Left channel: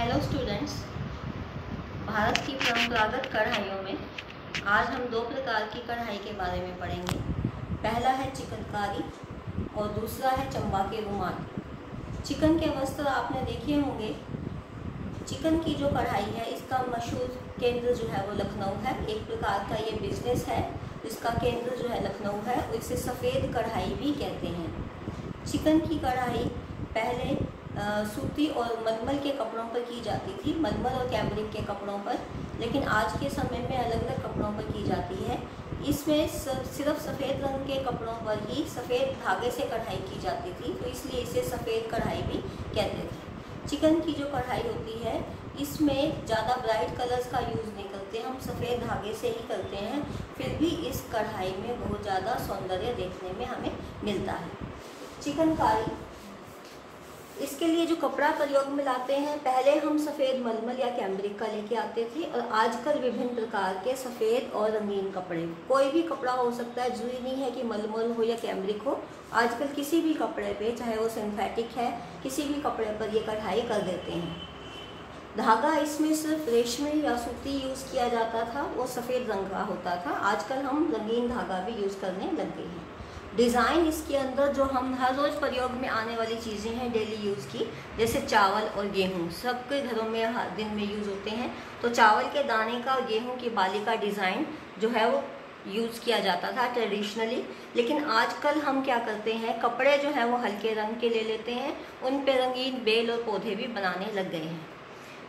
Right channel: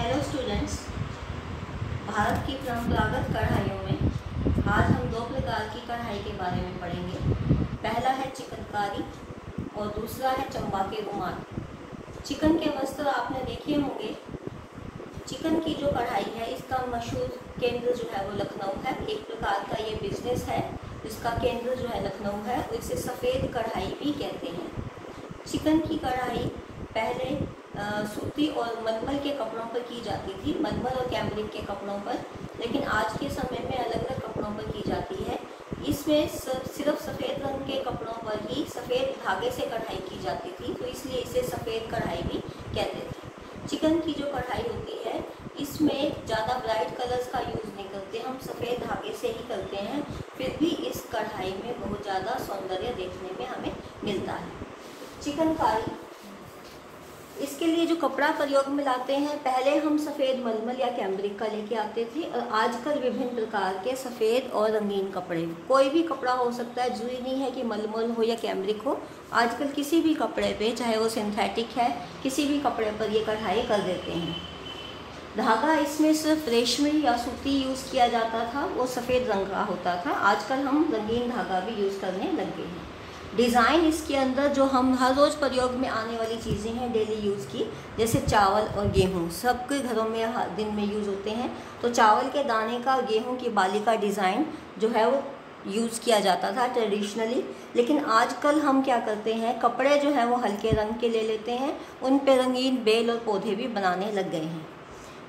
Hello students. Bharat की परंपरागत कढ़ाइयों में आज हम दो प्रकार की कढ़ाई के बारे में पढ़ेंगे। पहला है चिकनकारी और दूसरा है चंबा के रुमाल। चिकन के वस्त्र आपने देखे होंगे। चिकन की जो कढ़ाई है इसका मशहूर केंद्र जो है वो लखनऊ है। एक प्रकार का ये बिजनेस है जिसका केंद्र जो है लखनऊ है। इसे सफ़ेद कढ़ाई भी कहते हैं। चिकन की कढ़ाई पहले सूती और मलमल के कपड़ों पर की जाती थी, मलमल और कैमरिक के कपड़ों पर, लेकिन आज के समय में अलग अलग कपड़ों पर की जाती है। इसमें सिर्फ सफ़ेद रंग के कपड़ों पर ही सफ़ेद धागे से कढ़ाई की जाती थी, तो इसलिए इसे सफ़ेद कढ़ाई भी कहते थे। चिकन की जो कढ़ाई होती है इसमें ज़्यादा ब्राइट कलर्स का यूज़ नहीं करते, हम सफ़ेद धागे से ही करते हैं। फिर भी इस कढ़ाई में बहुत ज़्यादा सौंदर्य देखने में हमें मिलता है। चिकनकारी, इसके लिए जो कपड़ा प्रयोग में लाते हैं, पहले हम सफ़ेद मलमल या कैमरिक का लेके आते थे और आजकल विभिन्न प्रकार के सफ़ेद और रंगीन कपड़े, कोई भी कपड़ा हो सकता है, जरूरी नहीं है कि मलमल हो या कैमरिक हो। आजकल किसी भी कपड़े पे, चाहे वो सिंथेटिक है, किसी भी कपड़े पर ये कढ़ाई कर देते हैं। धागा इसमें सिर्फ रेशमी या सूती यूज़ किया जाता था, वो सफ़ेद रंग का होता था। आजकल हम रंगीन धागा भी यूज़ करने लग गए हैं। डिज़ाइन इसके अंदर जो हम हर रोज़ प्रयोग में आने वाली चीज़ें हैं डेली यूज़ की, जैसे चावल और गेहूँ सबके घरों में हर दिन में यूज़ होते हैं। तो चावल के दाने का, गेहूँ की बाली का डिज़ाइन जो है वो यूज़ किया जाता था ट्रेडिशनली। लेकिन आजकल हम क्या करते हैं, कपड़े जो है वो हल्के रंग के ले लेते हैं, उन पे रंगीन बेल और पौधे भी बनाने लग गए हैं।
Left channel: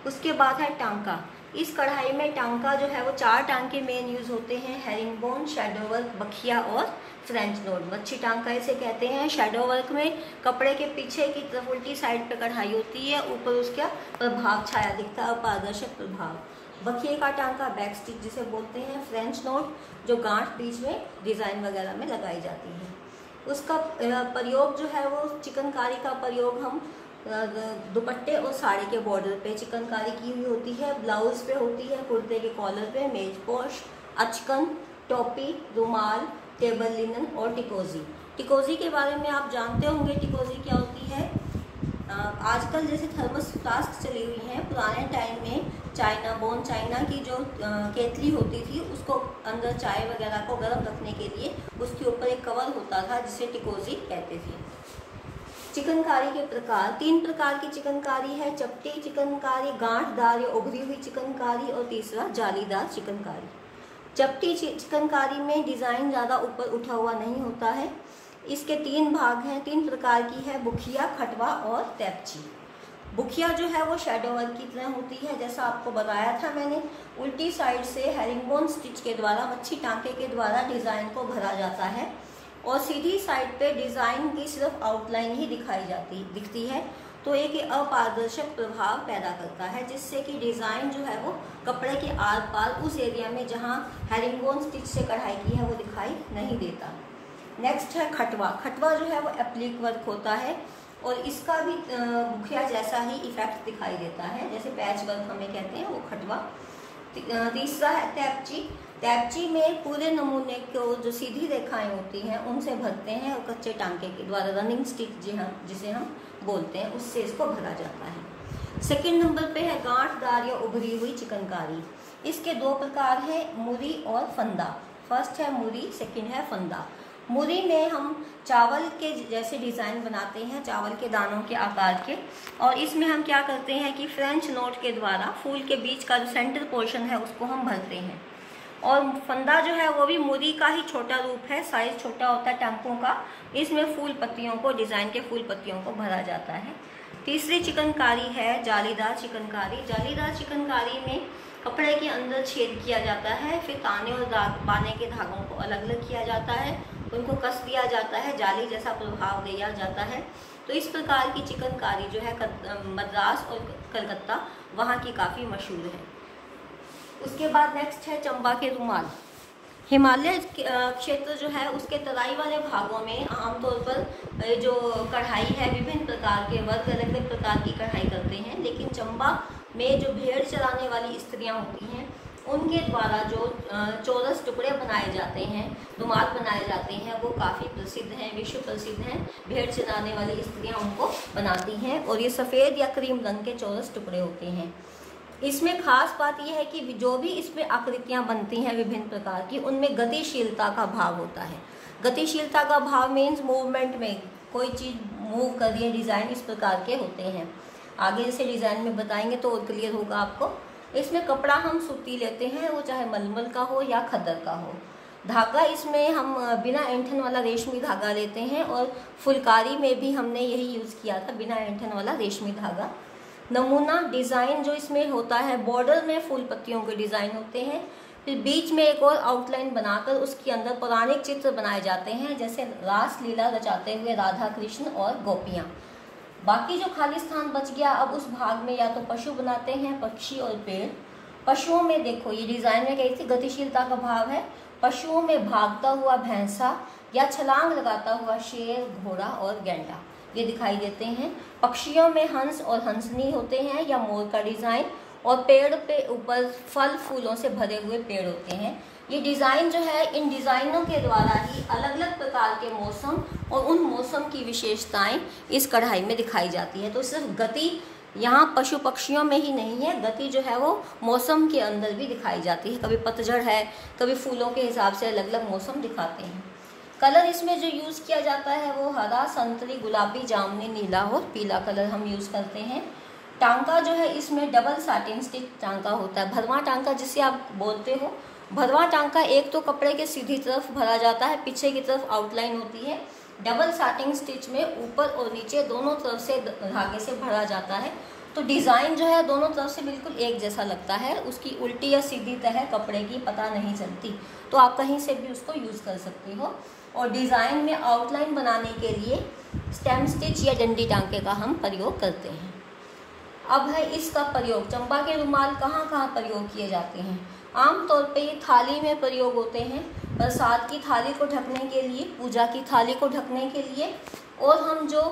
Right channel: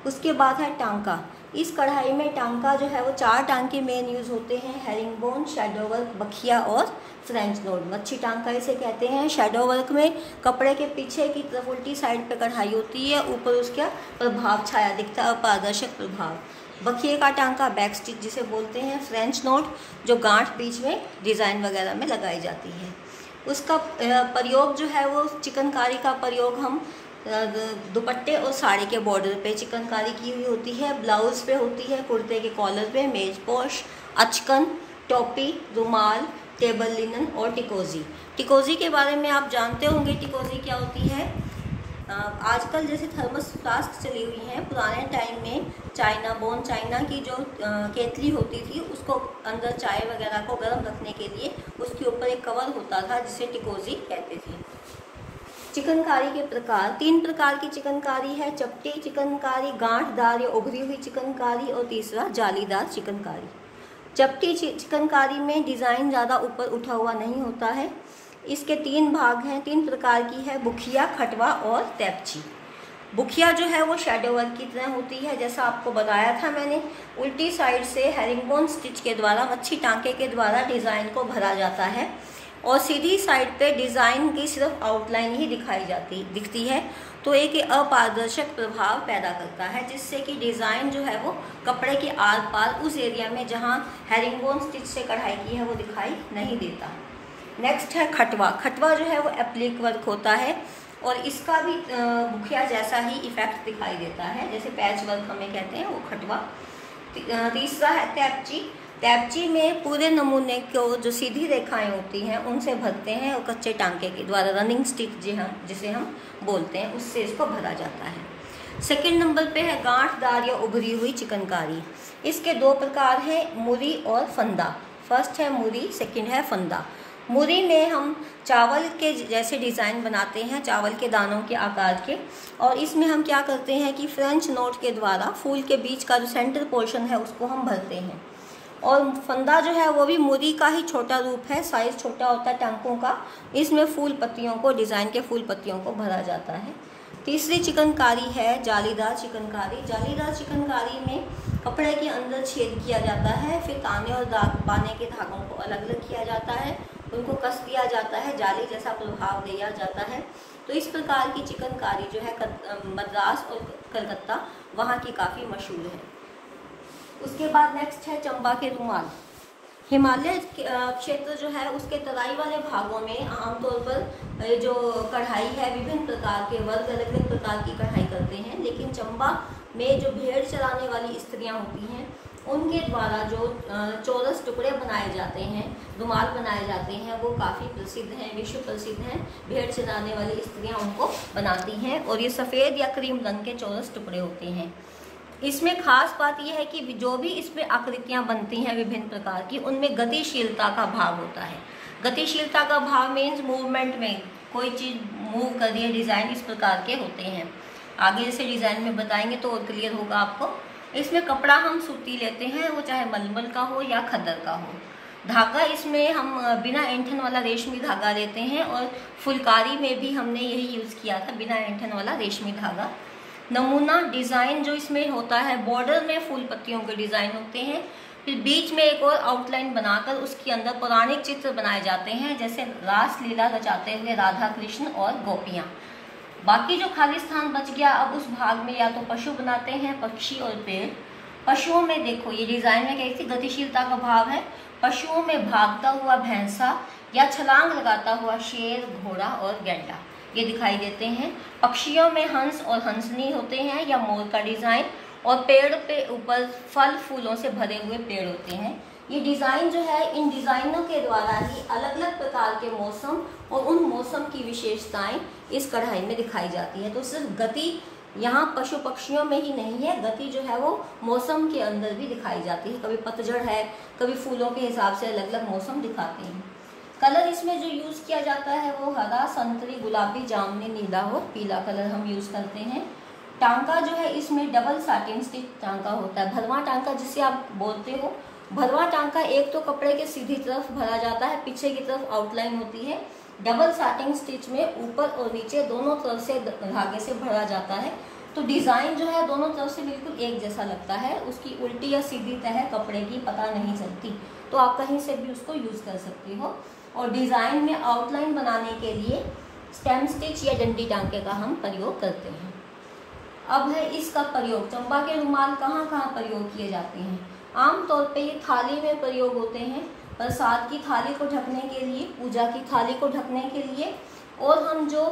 उसके बाद है टांका। इस कढ़ाई में टांका जो है वो 4 टांके मेन यूज़ होते हैं, हेरिंगबोन, शैडो वर्क, बखिया और फ्रेंच नोट। मच्छी टांका इसे कहते हैं। शैडो वर्क में कपड़े के पीछे की तरफ उल्टी साइड पे कढ़ाई होती है, ऊपर उसका प्रभाव छाया दिखता है, पारदर्शक प्रभाव। बखिए का टांका बैक स्टिच जिसे बोलते हैं। फ्रेंच नोट जो गांठ बीच में डिज़ाइन वगैरह में लगाई जाती है। उसका प्रयोग जो है वो चिकनकारी का प्रयोग हम दुपट्टे और साड़ी के बॉर्डर पे चिकनकारी की हुई होती है, ब्लाउज पे होती है, कुर्ते के कॉलर पे, मेज पोश, अचकन, टोपी, रुमाल, टेबल लिनन और टिकोजी। टिकोजी के बारे में आप जानते होंगे। टिकोजी क्या होती है? आजकल जैसे थर्मस फ्लास्क चली हुई हैं, पुराने टाइम में चाइना की जो केतली होती थी, उसको अंदर चाय वगैरह को गर्म रखने के लिए उसके ऊपर एक कवर होता था जिसे टिकोजी कहते थे। चिकनकारी के प्रकार, 3 प्रकार की चिकनकारी है। चपटी चिकनकारी, गांठदार या उभरी हुई चिकनकारी और तीसरा जालीदार चिकनकारी। चपटी चिकनकारी में डिज़ाइन ज़्यादा ऊपर उठा हुआ नहीं होता है। इसके 3 भाग हैं, 3 प्रकार की है, बुखिया, खटवा और तैपची। बुखिया जो है वो शैडो वर्क की तरह होती है, जैसा आपको बताया था मैंने। उल्टी साइड से हेरिंगबोन स्टिच के द्वारा, मच्छी टांके के द्वारा डिज़ाइन को भरा जाता है और सीधी साइड पे डिज़ाइन की सिर्फ आउटलाइन ही दिखती है, तो एक अपारदर्शक प्रभाव पैदा करता है, जिससे कि डिज़ाइन जो है वो कपड़े के आर पार उस एरिया में जहाँ हेरिंगबोन स्टिच से कढ़ाई की है वो दिखाई नहीं देता। नेक्स्ट है खटवा। खटवा जो है वो एप्लिक वर्क होता है और इसका भी बुखिया जैसा ही इफेक्ट दिखाई देता है, जैसे पैच वर्क हमें कहते हैं, वो खटवा। तीसरा है तैपची। तैपची में पूरे नमूने को जो सीधी रेखाएं होती हैं उनसे भरते हैं और कच्चे टांके के द्वारा, रनिंग स्टिक जिसे हम बोलते हैं, उससे इसको भरा जाता है। सेकंड नंबर पे है गांठदार या उभरी हुई चिकनकारी। इसके 2 प्रकार हैं, मुरी और फंदा। फर्स्ट है मुरी, सेकंड है फंदा। मुरी में हम चावल के जैसे डिज़ाइन बनाते हैं, चावल के दानों के आकार के, और इसमें हम क्या करते हैं कि फ्रेंच नोट के द्वारा फूल के बीच का जो सेंटर पोर्शन है उसको हम भरते हैं। और फंदा जो है वो भी मुरी का ही छोटा रूप है, साइज छोटा होता है टांकों का। इसमें फूल पत्तियों को, डिज़ाइन के फूल पत्तियों को भरा जाता है। तीसरी चिकनकारी है जालीदार चिकनकारी। जालीदार चिकनकारी में कपड़े के अंदर छेद किया जाता है, फिर ताने और बाने के धागों को अलग अलग किया जाता है, उनको कस दिया जाता है, जाली जैसा प्रभाव दिया जाता है। तो इस प्रकार की चिकनकारी जो है मद्रास और कलकत्ता वहाँ की काफ़ी मशहूर है। उसके बाद नेक्स्ट है चंबा के रुमाल। हिमालय क्षेत्र जो है उसके तराई वाले भागों में आमतौर पर जो कढ़ाई है, विभिन्न प्रकार के वर्ग, अलग अलग प्रकार की कढ़ाई करते हैं। लेकिन चंबा में जो भेड़ चराने वाली स्त्रियां होती हैं उनके द्वारा जो चौरस टुकड़े बनाए जाते हैं, रुमाल बनाए जाते हैं, वो काफ़ी प्रसिद्ध हैं, विश्व प्रसिद्ध हैं। भेड़ चराने वाली स्त्रियां उनको बनाती हैं और ये सफ़ेद या क्रीम रंग के चौरस टुकड़े होते हैं। इसमें खास बात यह है कि जो भी इसमें आकृतियां बनती हैं विभिन्न प्रकार की, उनमें गतिशीलता का भाव होता है। गतिशीलता का भाव मीन्स मूवमेंट में कोई चीज़ मूव कर रही है, डिज़ाइन इस प्रकार के होते हैं। आगे जैसे डिज़ाइन में बताएंगे तो और क्लियर होगा आपको। इसमें कपड़ा हम सूती लेते हैं, वो चाहे मलमल का हो या खद्दर का हो। धागा इसमें हम बिना ऐंठन वाला रेशमी धागा लेते हैं और फुलकारी में भी हमने यही यूज़ किया था, बिना ऐंठन वाला रेशमी धागा। नमूना डिज़ाइन जो इसमें होता है, बॉर्डर में फूल पत्तियों के डिज़ाइन होते हैं, फिर बीच में एक और आउटलाइन बनाकर उसके अंदर पौराणिक चित्र बनाए जाते हैं, जैसे रास लीला रचाते हुए राधा कृष्ण और गोपियाँ। बाकी जो खाली स्थान बच गया, अब उस भाग में या तो पशु बनाते हैं, पक्षी और पेड़। पशुओं में देखो ये डिज़ाइन में कैसी गतिशीलता का भाव है। पशुओं में भागता हुआ भैंसा या छलांग लगाता हुआ शेर, घोड़ा और गैंडा ये दिखाई देते हैं। पक्षियों में हंस और हंसनी होते हैं या मोर का डिज़ाइन, और पेड़ पे ऊपर फल फूलों से भरे हुए पेड़ होते हैं। ये डिज़ाइन जो है, इन डिज़ाइनों के द्वारा ही अलग अलग प्रकार के मौसम और उन मौसम की विशेषताएं इस कढ़ाई में दिखाई जाती है। तो सिर्फ गति यहाँ पशु पक्षियों में ही नहीं है, गति जो है वो मौसम के अंदर भी दिखाई जाती है। कभी पतझड़ है, कभी फूलों के हिसाब से अलग अलग मौसम दिखाते हैं। कलर इसमें जो यूज़ किया जाता है वो हरा, संतरी, गुलाबी, जामुनी, नीला और पीला कलर हम यूज़ करते हैं। टांका जो है इसमें डबल सैटिन स्टिच टांका होता है, भरवा टांका जिसे आप बोलते हो। भरवा टांका एक तो कपड़े के सीधी तरफ भरा जाता है, पीछे की तरफ आउटलाइन होती है। डबल सैटिन स्टिच में ऊपर और नीचे दोनों तरफ से धागे से भरा जाता है, तो डिज़ाइन जो है दोनों तरफ से बिल्कुल एक जैसा लगता है। उसकी उल्टी या सीधी तह कपड़े की पता नहीं चलती, तो आप कहीं से भी उसको यूज़ कर सकते हो। और डिज़ाइन में आउटलाइन बनाने के लिए स्टेम स्टिच या डंडी टांके का हम प्रयोग करते हैं। अब है इसका प्रयोग। चंपा के रुमाल कहाँ कहाँ प्रयोग किए जाते हैं? आमतौर पे ये थाली में प्रयोग होते हैं, प्रसाद की थाली को ढकने के लिए, पूजा की थाली को ढकने के लिए, और हम जो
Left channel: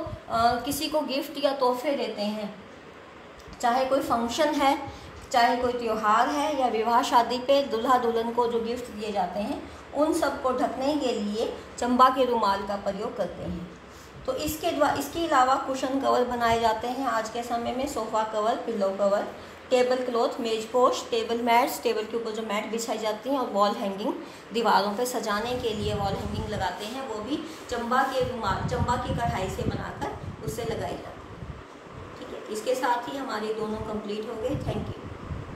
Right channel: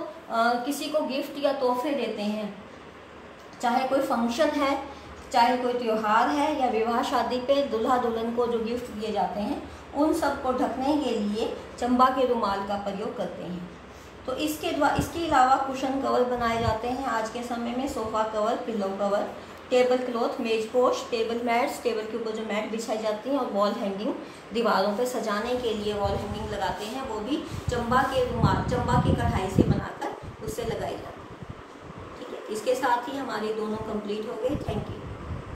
किसी को गिफ्ट या तोहफे देते हैं, चाहे कोई फंक्शन है, चाहे कोई त्यौहार है या विवाह शादी पे दुल्हा दुल्हन को जो गिफ्ट दिए जाते हैं, उन सब को ढकने के लिए चंपा के रुमाल का प्रयोग करते हैं। तो इसके अलावा कुशन कवर बनाए जाते हैं आज के समय में, sofa cover, pillow cover, table cloth, मेज पोश, टेबल मैट्स, टेबल के ऊपर जो मैट बिछाई जाती हैं, और वॉल हैंगिंग, दीवारों पे सजाने के लिए वॉल हैंगिंग लगाते हैं, वो भी चंपा के रुमाल, चंपा की कढ़ाई से बनाकर उससे लगाई जाती है। ठीक है, इसके साथ ही हमारे दोनों कंप्लीट हो गए। Thank you.